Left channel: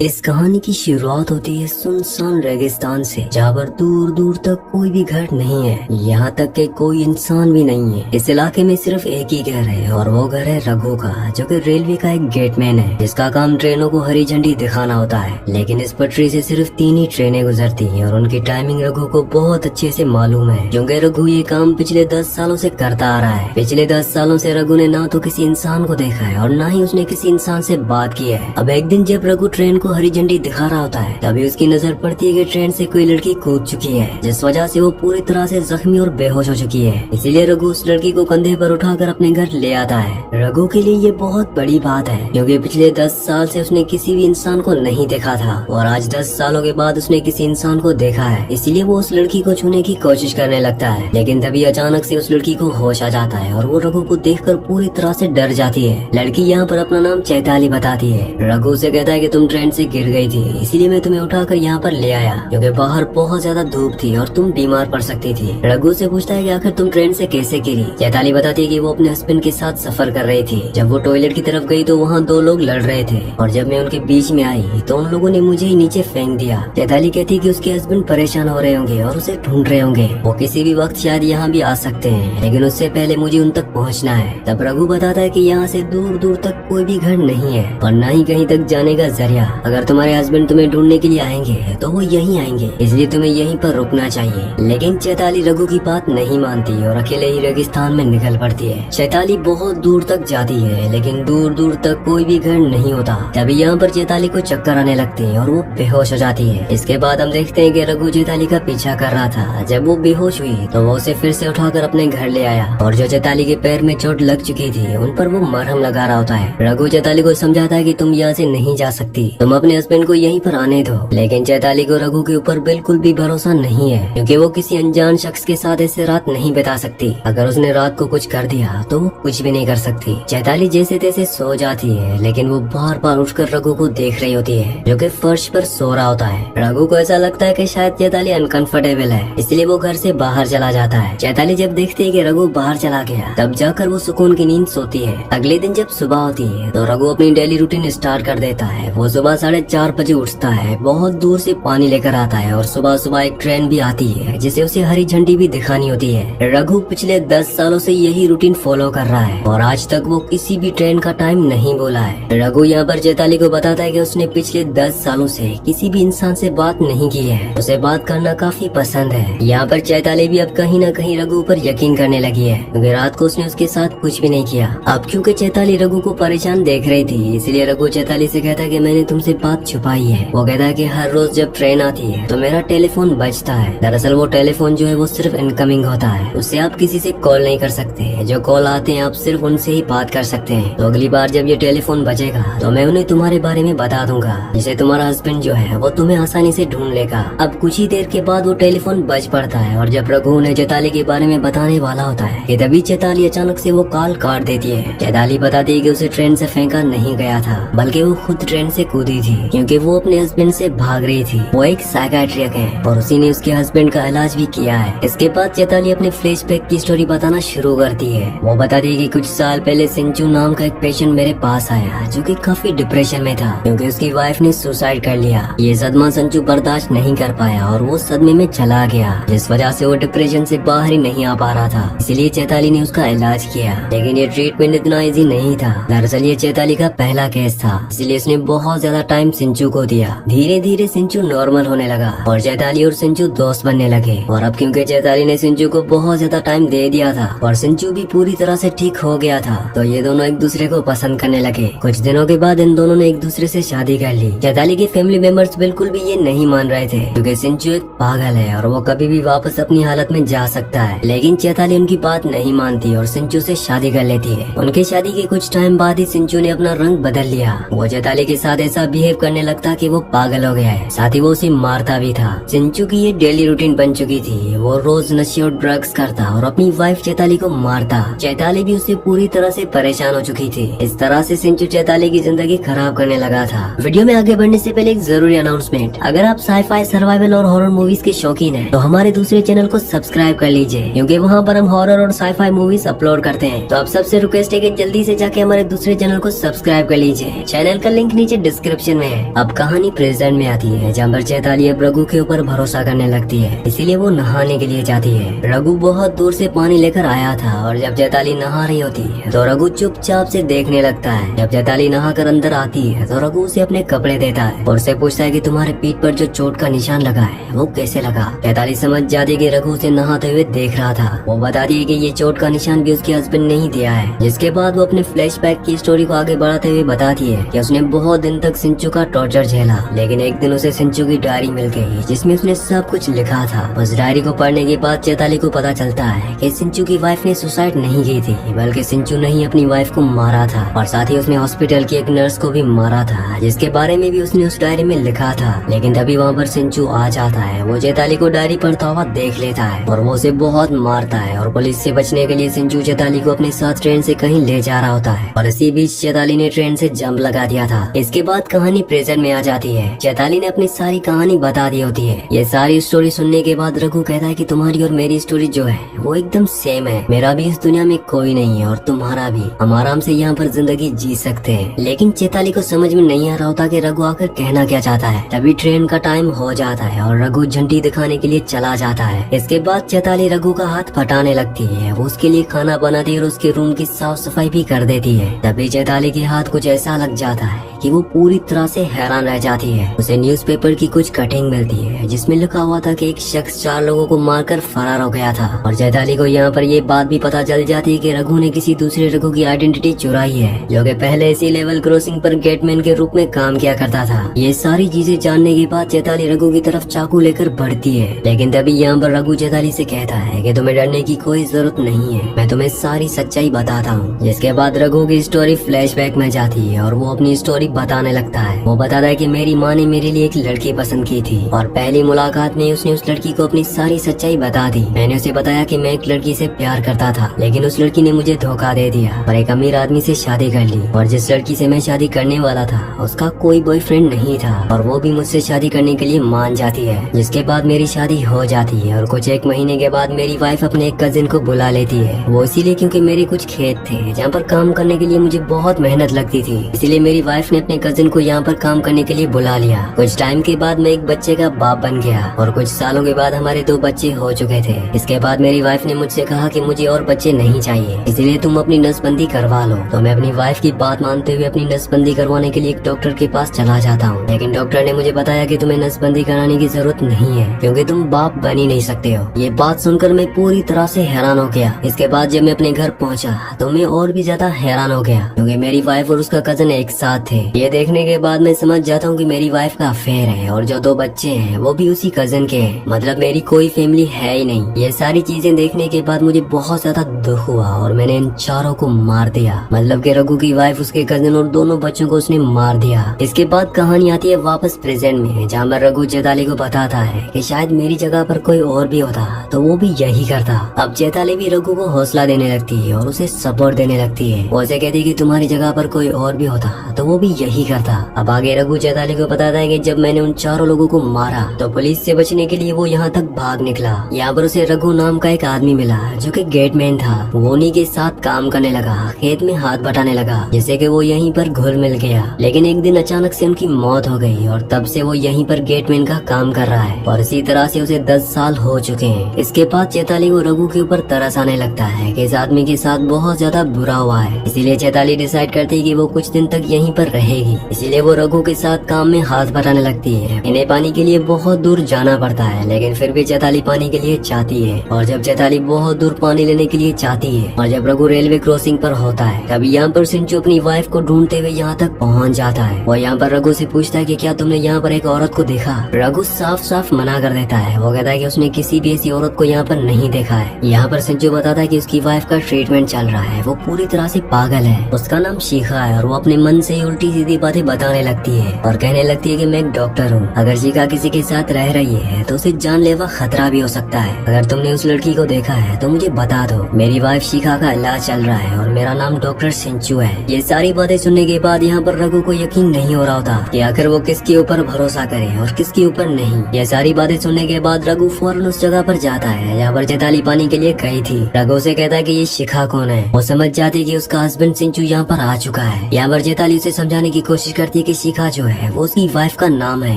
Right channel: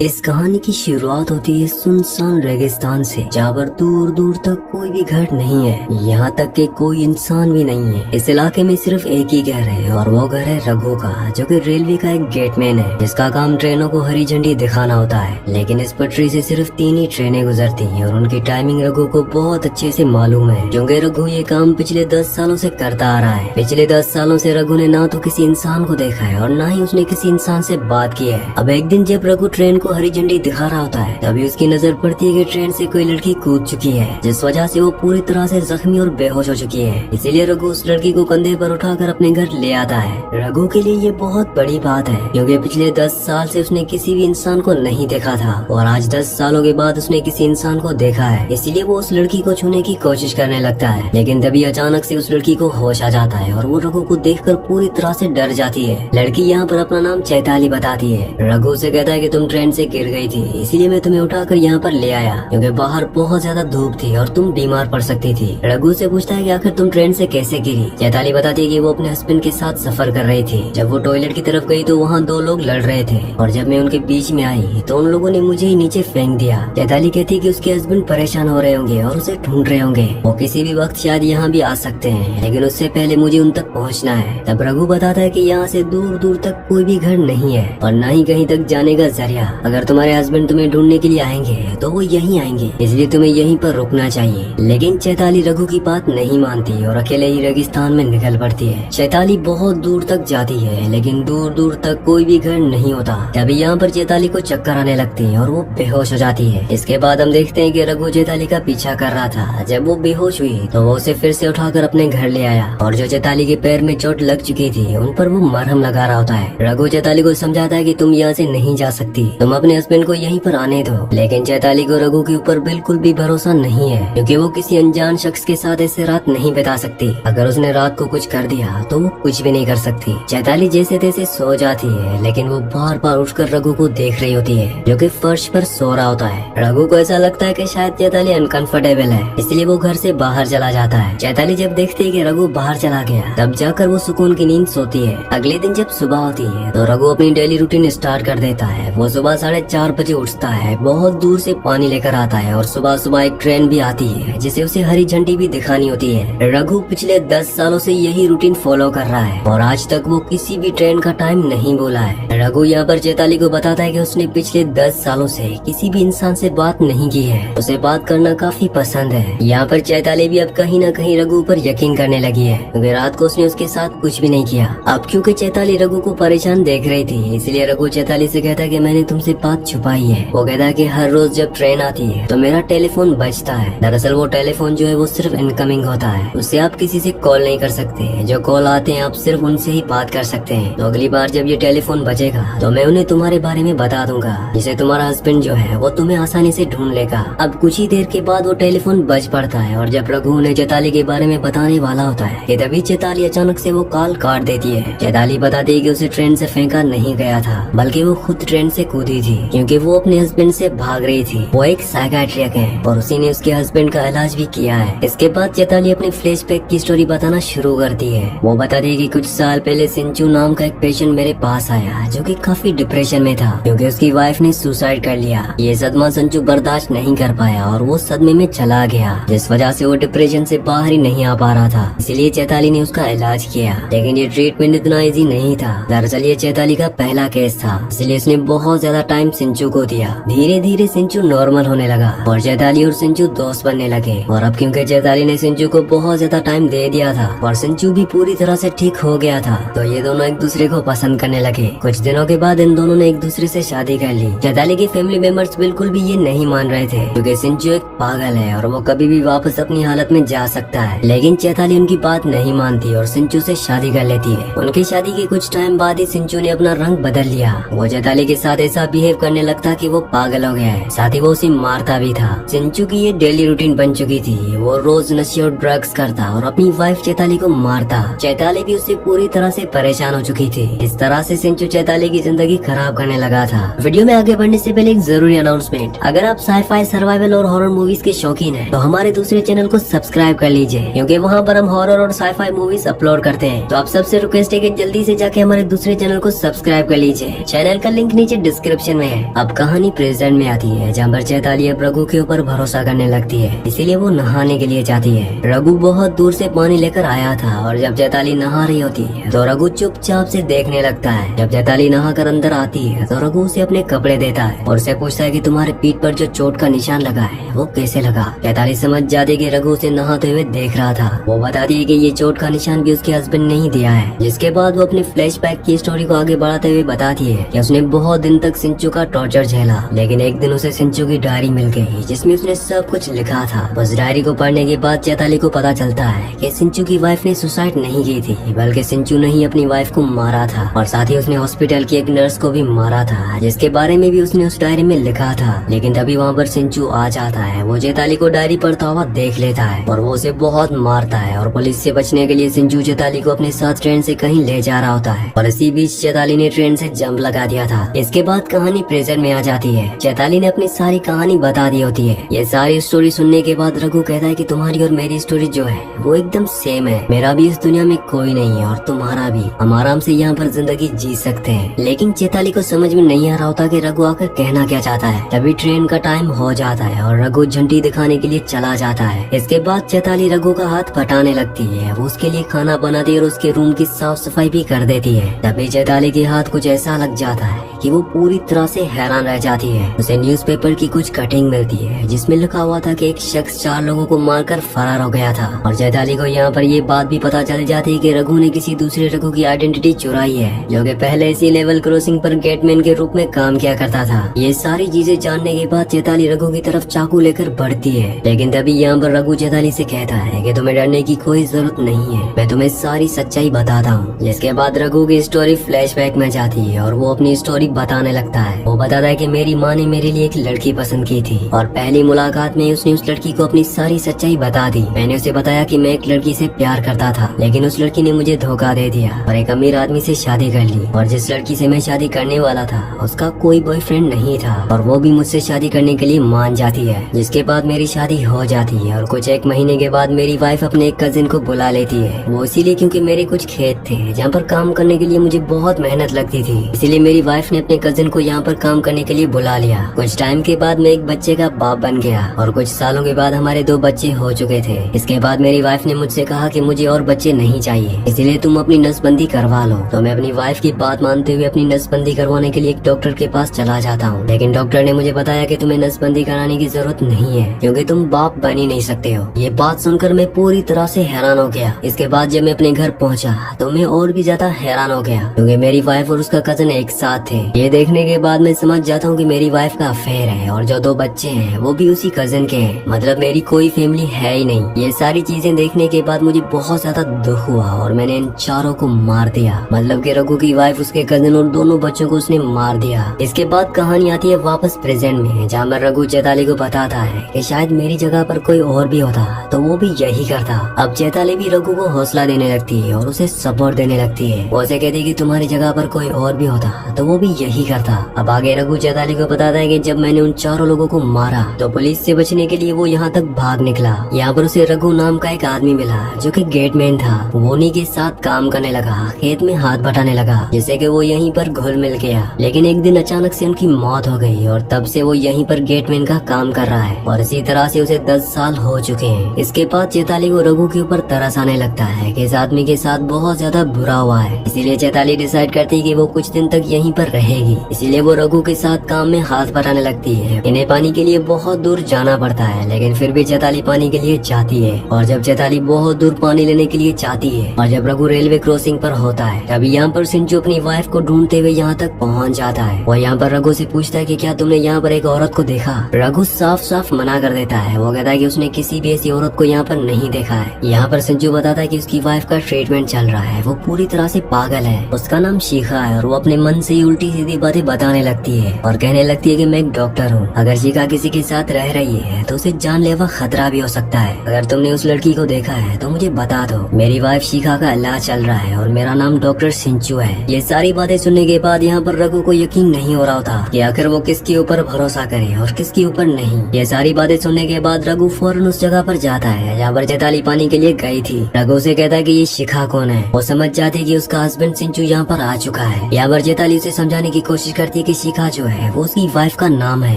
इस कहानी की शुरुआत होती है सुनसान रेगिस्तान से, जहाँ पर दूर दूर तक कोई भी घर नहीं है, यहाँ तक कि कोई इंसान भी नहीं है। इस इलाके में सिर्फ एक ही घर है और वो घर है रघु का, जो कि रेलवे का एक गेटमैन है, जिसका काम ट्रेनों को हरी झंडी दिखाना होता है। लेकिन इस पटरी से सिर्फ 3 ही ट्रेनें गुजरती हैं और उनकी टाइमिंग रघु को बहुत अच्छे से मालूम है, क्योंकि रघु ये काम पिछले 10 सालों से करता आ रहा है। पिछले 10 सालों से रघु ने ना तो किसी इंसान को देखा है और ना ही उसने किसी इंसान से बात की है। अब एक दिन जब रघु ट्रेन को हरी झंडी दिखा रहा होता है, तभी उसकी नजर पड़ती है कि ट्रेन से कोई लड़की कूद चुकी है, जिस वजह से वो पूरी तरह से जख्मी और बेहोश हो चुकी है। इसीलिए रघु उस लड़की को कंधे पर उठाकर अपने घर ले आता है। रघु के लिए ये बहुत बड़ी बात है, क्योंकि पिछले 10 साल से उसने किसी भी इंसान को नहीं देखा था और आज 10 सालों के बाद उसने किसी इंसान को देखा है। इसीलिए वो उस लड़की को छूने की कोशिश करने लगता है, लेकिन तभी अचानक से उस लड़की को होश आ जाता है और वो रघु को देखकर पूरी तरह से डर जाती है। लड़की यहाँ पर अपना नाम चैताली बताती है। रघु से कहता है कि तुम ट्रेन से गिर गई थी, इसीलिए मैं तुम्हें उठाकर यहाँ पर ले आया, क्योंकि बाहर बहुत ज्यादा धूप थी और तुम बीमार पड़ सकती थी। रघु से पूछता है कि आखिर तुम ट्रेन से कैसे गिरी। चैताली बताती है कि वो अपने हस्बैंड के साथ सफर कर रही थी। जब वो टॉयलेट की तरफ गई तो वहाँ 2 लोग लड़ रहे थे और जब मैं उनके बीच में आई तो उन लोगों ने मुझे ही नीचे फेंक दिया। चैताली कहती है कि उसके हस्बैंड परेशान हो रहे होंगे और उसे ढूंढ रहे होंगे, वो किसी भी वक्त शायद यहाँ भी आ सकते हैं, लेकिन उससे पहले मुझे उन तक पहुँचना है। तब रघु बताता है कि यहाँ से दूर दूर तक कोई भी घर नहीं है और न ही कहीं तक जाने का जरिया। अगर तुम्हारे हस्बैंड तुम्हें ढूंढने के लिए आएंगे तो वो यहीं आएंगे, इसलिए तुम्हें यहीं पर रुकना चाहिए। लेकिन चैताली रघु की बात नहीं मानती और अकेले ही रेगिस्तान में निकल पड़ती है। चैताली बहुत दूर तक जाती है, लेकिन दूर दूर तक कोई भी घर नहीं होता। तभी यहाँ पर चैताली को चक्कर आने लगते हैं और वो बेहोश हो जाती है। इसके बाद हम देखते हैं कि रघु चैताली का पीछा कर रहा था। जब वो बेहोश हुई तो वो उसे फिर से उठाकर अपने घर ले आया और जो चैताली के पैर में चोट लग चुकी थी उन पर वो मरहम लगा रहा होता है। रघु चैताली को समझाता है कि तुम यहाँ से नहीं जा सकती, तुम अपने हस्बैंड को यहीं पर आने दो। लेकिन चैताली को रघु के ऊपर बिल्कुल भी भरोसा नहीं है, क्योंकि वो किसी अनजान शख्स के साथ ऐसे रात नहीं बिता सकती। अगर उसने रात को कुछ कर दिया तो वो कुछ भी नहीं कर सकती। चैताली जैसे तैसे सो जाती है, लेकिन वो बार बार उठकर रघु को देख रही होती है, जो कि फर्श पर सो रहा होता है। रघु को ऐसा लगता है कि शायद चैताली अनकंफर्टेबल है, इसलिए वो घर से बाहर चला जाता है। चैताली जब देखती है कि रघु बाहर चला गया, तब जाकर वो सुकून की नींद सोती है। अगले दिन जब सुबह होती है तो रघु अपनी डेली रूटीन स्टार्ट कर देता है। वो सुबह 4:30 बजे उठता है, बहुत दूर से पानी लेकर आता है और सुबह सुबह एक ट्रेन भी आती है जिसे उसे हरी झंडी भी दिखानी होती है। रघु पिछले 10 सालों से यही रूटीन फॉलो कर रहा है और आज तक वो किसी भी ट्रेन का टाइम नहीं बोला है। रघु यहाँ पर चैताली को बताता है कि उसने पिछले 10 सालों से किसी भी इंसान से बात नहीं की है, उसे बात करना काफी पसंद है। यहाँ पर चैताली भी अब कहीं न कहीं रघु पर यकीन करने लगी है, क्योंकि रात को उसने उसके साथ कुछ भी नहीं किया। अब क्योंकि चैताली रघु को परेशान देख रही थी, इसलिए रघु चैताली से कहता है कि मैंने तुमसे बात छुपाई है। वो कहता है कि हर रोज जब ट्रेन आती है तो मेरा टेलीफोन बजता है। दरअसल वो टेलीफोन जो है वो सिर्फ इनकमिंग होता है, उससे आप किसी से कॉल नहीं कर सकते। जो कॉल आते हैं आप सिर्फ उनसे ही बात कर सकते हैं। तो अगली बार जब ये टेलीफोन बजेगा तो मैं उन्हें तुम्हारे बारे में बता दूंगा, जिससे तुम्हारा हस्बैंड जो है वो तुम्हें आसानी से ढूंढ लेगा। अब कुछ ही देर के बाद वो टेलीफोन बज पड़ता है और जब रघु उन्हें चैताली के बारे में बताने वाला होता है कि तभी चैताली अचानक से वो कॉल काट देती है। चैताली बताती है कि उसे ट्रेन से फेंका नहीं गया था, बल्कि वो खुद ट्रेन से कूदी थी, क्योंकि वो अपने हस्बैंड से भाग रही थी। वो एक साइकियाट्रिस्ट है और उसी ने उसके हस्बैंड का इलाज भी किया है। इसके बाद चैताली अपने फ्लैशबैक की स्टोरी बताना शुरू करती है। वो बताती है कि कुछ साल पहले सिंचू नाम का एक पेशेंट मेरे पास आया, जो कि काफी डिप्रेशन में था, क्योंकि उसकी वाइफ ने सुसाइड कर लिया। ये सदमा संजू बर्दाश्त नहीं कर पाया और वो सदमे में चला गया, जिस वजह से वो डिप्रेशन से बाहर ही नहीं आ पा रहा था। इसलिए चैताली ने उसका इलाज किया, लेकिन ये ट्रीटमेंट इतना इजी नहीं था। दरअसल ये चैताली का पहला केस था, इसलिए उसने बहुत ज्यादा टाइम सिंचू को दिया। धीरे धीरे सिंचू नॉर्मल होने लगा और चैताली और सिंचू दोस्त बनने लगे। और अब क्योंकि चैताली ने सिंचू को बहुत ज्यादा टाइम दे दिया था और सिंचू भी पूरी तरह से ठीक हो गया था, तो ये दोनों एक दूसरे को पसंद करने लगे। कुछ दिनों के बाद इन दोनों ने एक दूसरे से शादी कर ली। चैताली के फैमिली मेंबर्स बिल्कुल भी ये नहीं मान रहे थे, क्योंकि सिंचू एक पागल है और वो कभी भी वापस अपनी हालत में जा सकता है। लेकिन चैताली उनकी बात नहीं मानती और सिंचू से शादी कर लेती है। उनकी शादी के कुछ टाइम बाद ही सिंचू ने अपना रंग बदल लिया। वो चैताली के साथ ऐसा बिहेव करने लगता कि वो पागल हो गया है, साथ ही वो उसे मारता भी था। सिंचू की ये डेली रूटीन प्रिंट बन चुकी थी। वो रोज नशे और ड्रग्स करता और अपनी वाइफ चैताली को मारता। चैताली भी उससे पूरी तरह से परेशान हो चुकी थी। इस तरह से सिंचू चैताली की जिंदगी खराब करने लगा था। वीडियो में आगे बढ़ने से पहले एक जरूरी अनाउंसमेंट, अगर आप साइफाई, सर्वाइवल और हॉरर मूवीज के शौकीन हैं, तो हमारे दूसरे चैनल को सब्सक्राइब कर लीजिए, क्योंकि वहाँ पर हम हॉरर और साइफाई मूवीज अपलोड करते हैं। तो आप सबसे रिक्वेस्ट है कि जल्दी से जाके हमारे दूसरे चैनल को सब्सक्राइब कर लीजिए। चैनल का लिंक नीचे डिस्क्रिप्शन में है। अब कहानी प्रेजेंट में आती है, जहाँ पर चैताली अब रघु के ऊपर भरोसा करने लगती है, इसीलिए वो नहाने के लिए जाती है। रघु बहुत दूर से पानी लेकर आया था और जब चैताली नहा रही होती है तो रघु चुपचाप से देखने लगता है। जब चैताली नहा कर अंदर आती है तो रघु उसे अपने कपड़े देता है और उसे पूछता है कि तुम्हारे पीठ पर जो चोट का निशान लगा है वो कैसे लगा। चैताली समझ जाती है कि रघु उसे नहाते हुए देख रहा था। वो बताती है कि ये चोट का निशान भी उसके हस्बैंड ने ही दिया है। जिसके बाद वो अपने फ्लैशबैक की स्टोरी को आगे बढ़ाते हुए बताती है कि उसने बहुत दिन तक सिंचू का टॉर्चर झेला, लेकिन एक दिन उसे सिंचू की डायरी मिल गई जिसमें उसने सब कुछ लिखा था। उस डायरी को पढ़ने के बाद चैताली को पता चलता है कि सिंचू की वाइफ ने सुसाइड नहीं की थी, बल्कि सिंचू ने ही अपनी वाइफ को मारा था और साथ ही उसने हॉस्पिटल की एक नर्स को भी मारा था, जिसके बारे में भी उसने उस डायरी में लिखा था। लेकिन तभी वहाँ पर सिंचू आ जाता है। वो चैताली को डायरी पढ़ता हुआ देख लेता है और वो उसे बहुत मारता है और पुलिस से बचने के लिए सिंचू चैताली को अपने साथ ट्रेन से कहीं ले जा रहा होता है और इसी बीच चैताली ने ट्रेन से जंप लगा दिया था। इसके बाद कहानी प्रेजेंट में आ जाती है। चैताली ने अपनी सारी कहानी बता दी होती है। ये सारी स्टोरी सुनने के बाद रघु कहता है कि तुम्हारी और मेरी स्टोरी जो है वो एकदम सेम है। मेरा भी इस दुनिया में कोई नहीं है और तुम्हारा भी। हम आराम से यहाँ पर जिंदगी जी सकते हैं। लेकिन चैताली को समझ में नहीं आ रहा होता कि रघु आकर कहना क्या चाहता है। तभी ट्रेन का टाइम हो जाता है और रघु झंडी दिखाने के लिए चला जाता है। इसके बाद चैताली रघु का हाथ पटाने लगती है। वो उसके लिए खाना बनाती है और उसके रूम की साफ सफाई भी कर देती है। तभी चैताली के हाथ कुछ ऐसा लग जाता है कि वो पूरी तरह से हैरान रह जाती है। उसे न्यूज़पेपर की कुछ कटिंग मिलती है जिसमें लिखा हुआ था कि एक शख्स 4 लोगों को मारकर फरार हो गया था और चैताली को यहाँ पर ये बात भी पता चल जाती है कि रघु ने किसी दूसरे रघु की आइडेंटिटी चुराई है, जो कि पहले इसी लेवल क्रॉसिंग पर गेटमैन के रूप में काम किया करता था। ये सारी चीजें जानने के बाद चैताली रघु की तरफ चाकू लेकर बढ़ती है, लेकिन तभी यहाँ पर रघु चैताली से कहता है कि तुम्हें डरने की कोई जरूरत नहीं है, मैं तुम्हें सारी सच्चाई बताता हूँ। जिसके बाद रघु की स्टोरी फ्लैशबैक में जाती है और वो अपनी स्टोरी बताने लगता है। वो बताता है कि मेरी माँ ने मेरे लिए एक लड़की पसंद की थी और पहली मुलाकात में उसने उस लड़की को अपनी सारी सच्चाई बता दी। मैंने उसे बताया कि मैं एक लड़की से प्यार करता था, लेकिन उस लड़की ने मुझे धोखा दे दिया और एक अमीर आदमी से शादी कर ली और जिस लड़की से मैं शादी करने वाला था उसका कोई बॉयफ्रेंड नहीं था और वो भी मुझसे शादी करने के लिए मान जाती है। जिसके बाद मेरी शादी हो जाती है और कुछ 1 महीने के बाद मेरी वाइफ अपने एक कजिन को बुला लेती है। वो इसीलिए क्योंकि मेरे कुछ खेत थे जहाँ पर काम करने के लिए मुझे बहुत मेहनत लगती थी, इसीलिए मेरी वाइफ ने अपने कजिन को यहाँ पर काम करने के लिए बुला लिया। कुछ टाइम के बाद मैं एक बच्चे का बाप बन गया और कुछ सालों के बाद हमारे 2 बच्चे हो चुके थे। इसके बाद मेरी वाइफ ने मुझसे कहा कि मुझे और बच्चे नहीं चाहिए, इसलिए तुम अपनी नसबंदी करवा लो। तो मैं अपनी वाइफ की बात मानते हुए अपनी नसबंदी करवाने के लिए एक डॉक्टर के पास चला जाता हूँ, लेकिन डॉक्टर ने मुझे बताया कि तुम्हें नसबंदी कराने की जरूरत नहीं है क्योंकि तुम बाप बन ही नहीं सकते हो। ये बात सुनकर मैं पूरी तरह से हैरान हो गया। इसके बाद जब मैं अपने घर पहुँचा तो मैं और भी ज्यादा हैरान हो गया क्योंकि मेरी वाइफ और उसका कजन एक साथ थे। ये देखने के बाद मैं समझ जाता हूँ कि मेरी वाइफ का अफेयर है और जो 2 बच्चे हैं वो भी उसी कजन के हैं, मतलब मेरी कोई फैमिली है ही नहीं। ये सारी चीजें देखने के बाद मुझे बहुत ज्यादा दुख हुआ और मैंने इन 4 को मार दिया, मतलब कि रघु की वाइफ, उसके कजन और दोनों बच्चों को उसने मार दिया। इसके बाद कहानी आती है वापस प्रेजेंट में, जहाँ पर रघु चैताली को बताता है कि शायद मेरी जगह पर कोई और भी होता तो वो भी यही करता। अब चैताली भी रघु को हौसला देने लगती है और उसे सपोर्ट देने लगती है। वो उसे कहती है कि तुम्हारी जगह पर कोई और भी होता तो वो भी यही करता। अब आगे रघु चैताली को बताता है कि जब मैंने उन 4 लोगों को मारा तो पुलिस से बचने के लिए वो यहाँ तक भाग निकला। यहाँ पर उसे रघु नाम का एक आदमी मिला जो कि गेटमैन था। वो उन्हीं के साथ काम करने लगा, खेत में हाथ बटाने लगा, जिससे कि वो यहीं पर घुल मिल गया। लेकिन एक दिन अचानक से उनकी मौत हो गई और तब से वो यहीं पर गेटमैन का काम कर रहा है और इसी तरह से उसे 10 साल हो चुके हैं। इसके बाद चैताली को रघु के ऊपर तरस आने लगता है कि इस आदमी के साथ बहुत ज्यादा बुरा हुआ है, इसीलिए चैताली डिसाइड करती है कि वो कुछ दिन तक यहीं पर रहेगी। इसीलिए वो रघु के साथ काम में हाथ बटाने लगती है। इन्हें पानी के लिए बहुत दूर जाना पड़ता है, लेकिन फिर भी चैताली पानी के लिए जाती है। और जब चैताली बहुत दूर पानी लेने के लिए जाती है और जब रघु रेलवे क्रॉसिंग पर होता है, तभी यहाँ पर सिंचू अपनी वाइफ को ढूंढते हुए यहाँ तक पहुँच जाता है। वो यहाँ पर रघु से पूछता है कि क्या तुमने यहाँ पर एक औरत को देखा? रघु साफ साफ मना कर देता है। वो कहता है कि उसने किसी भी ऐसी औरत को यहाँ पर नहीं देखा है। यहाँ पर सिंचू बताता है कि उसकी वाइफ का ट्रीटमेंट चल रहा है, वो पूरी तरह से पागल है। उसका नाम शिखा है और वो अपने मन से ही उल्टी सीधी बातें बताने लगती है और कहने लगती है कि मैं एक डॉक्टर हूँ। अगर शिखा किसी के साथ रह रही है तो उसे जानलेवा खतरा भी हो सकता है। अगर तुमने उस लड़की को देखा है तो मुझे बता दो। मेरी वाइफ शिखा का इलाज चल रहा है और मेरा नाम डॉक्टर सिंचू है। ये सारी बातें सुनने के बाद यहाँ पर रघु को यकीन नहीं हो रहा था कि आखिर वो किसके ऊपर भरोसा करे और किसके ऊपर नहीं। ये सारी बातें सुनने के बाद रघु फौरन उस जगह पर जाता है जहाँ पर चैताली पानी के लिए गई थी। रघु से कहता है कि ये शिखा कौन है। वो समझ जाती है कि उसका हस्बैंड सिंचू यहाँ पर आ चुका है। यहाँ पर चैताली उसे समझाने की कोशिश करती है कि शिखा जो है वो उसकी वाइफ का नाम है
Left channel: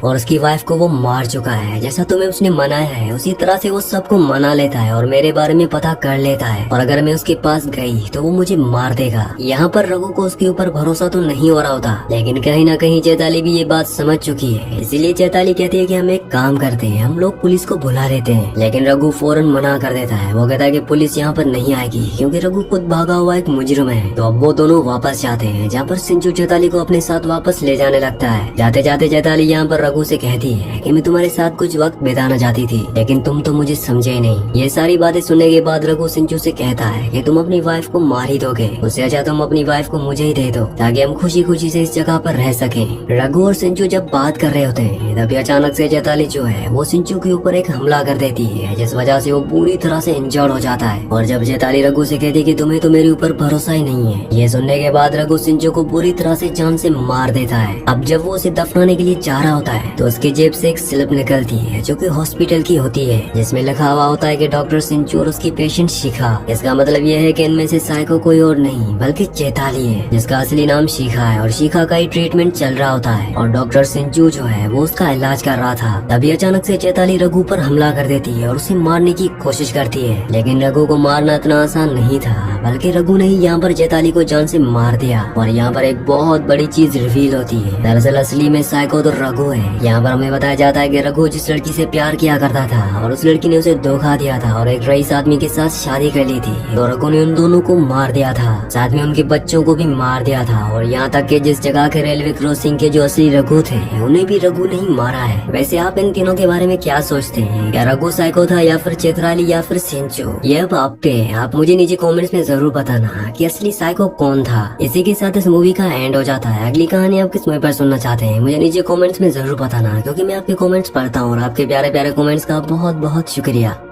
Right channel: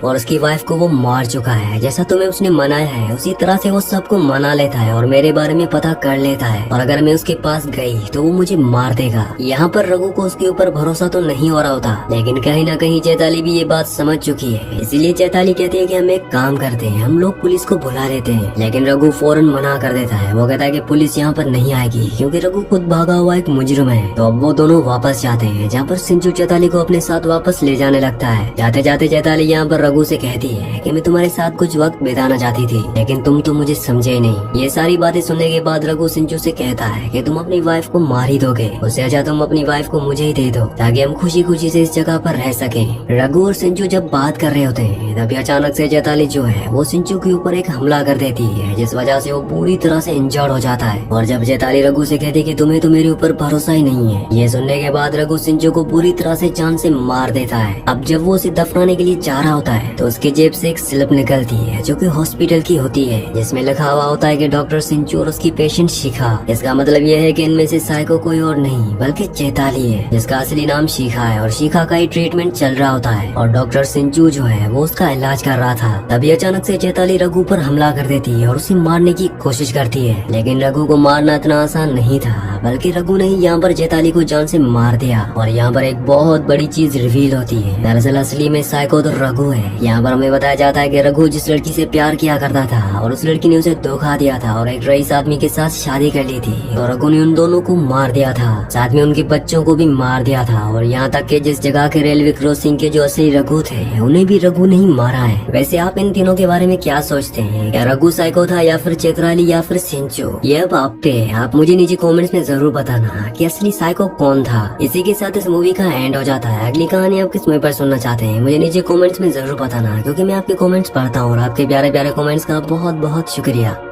और उसकी वाइफ को वो मार चुका है। जैसा तुम्हें उसने मनाया है उसी तरह से वो सबको मना लेता है और मेरे बारे में पता कर लेता है और अगर मैं उसके पास गई तो वो मुझे मार देगा। यहाँ पर रघु को उसके ऊपर भरोसा तो नहीं हो रहा होता, लेकिन कहीं ना कहीं चैताली भी ये बात समझ चुकी है। इसीलिए चैताली कहती है कि हम एक काम करते हैं, हम लोग पुलिस को बुला लेते हैं। लेकिन रघु फौरन मना कर देता है। वो कहता है कि पुलिस यहाँ पर नहीं आएगी क्योंकि रघु खुद भागा हुआ एक मुजरिम है। तो अब वो दोनों वापस जाते हैं जहाँ पर सिंचू चैताली को अपने साथ वापस ले जाने लगता है। जाते जाते चैताली यहाँ पर रघु से कहती है कि मैं तुम्हारे साथ कुछ वक्त बिताना चाहती थी लेकिन तुम तो मुझे समझे नहीं। ये सारी बातें सुनने के बाद रघु सिंचू से कहता है कि तुम अपनी वाइफ को मार ही दोगे, उससे अच्छा तुम अपनी वाइफ को मुझे ही दे दो ताकि हम खुशी खुशी से इस जगह पर रह सके। रघु और सिंचू जब बात कर रहे होते हैं तभी अचानक से चैताली जो है वो सिंचू के ऊपर एक हमला कर देती है जिस वजह से वो पूरी तरह से इंजर्ड हो जाता है। और जब चैताली रघु से कहती कि तुम्हें तो मेरे ऊपर भरोसा ही नहीं है, ये सुनने के बाद रघु सिंचू को पूरी तरह से जान से मार देता है। अब जब वो उसे दफनाने के लिए जा रहा होता है तो उसके जेब से एक स्लिप निकलती है जो कि हॉस्पिटल की होती है जिसमें लिखा हुआ होता है कि डॉक्टर सिंचू और उसकी पेशेंट शिखा। इसका मतलब ये है कि इनमें से साइको कोई और नहीं बल्कि चैताली है जिसका असली नाम शिखा है और शिखा का ही ट्रीटमेंट चल रहा होता है और डॉक्टर सिंचू जो है वो उसका इलाज कर रहा था। तभी अचानक से चैताली रघु पर हमला कर देती है और उसे मारने की कोशिश करती है, लेकिन रघु को मारना इतना आसान नहीं था बल्कि रघु ने यहाँ पर चैताली को जान से मार दिया। और यहाँ पर एक बहुत बड़ी चीज रिवील होती है। दरअसल असली में साइको तो रघु है। यहाँ पर हमें बताया जाता है कि रघु जिस लड़की से प्यार किया करता था और उस लड़की ने उसे धोखा दिया था और एक रईस आदमी के साथ शादी कर ली थी और रघु ने उन दोनों को मार दिया था, साथ में उनके बच्चों को भी मार दिया था। और यहाँ तक कि जिस जगह के रेलवे क्रॉसिंग के जो असली रघु थे उन्हें भी रघु ने ही मारा है। वैसे आप इन तीनों के बारे में क्या सोचते हैं? क्या रघु साइको था या फिर चैताली या फिर सिंचू? ये अब आप पे, आप मुझे नीचे कमेंट्स में जरूर बताना कि असली साइको कौन था। इसी के साथ इस मूवी का एंड हो जाता है। अगली कहानी आप किस मूवी पर सुनना चाहते हैं मुझे नीचे कमेंट्स में जरूर बताना क्योंकि मैं आपके कमेंट्स पढ़ता हूँ और आपके प्यारे प्यारे कमेंट्स का बहुत बहुत शुक्रिया।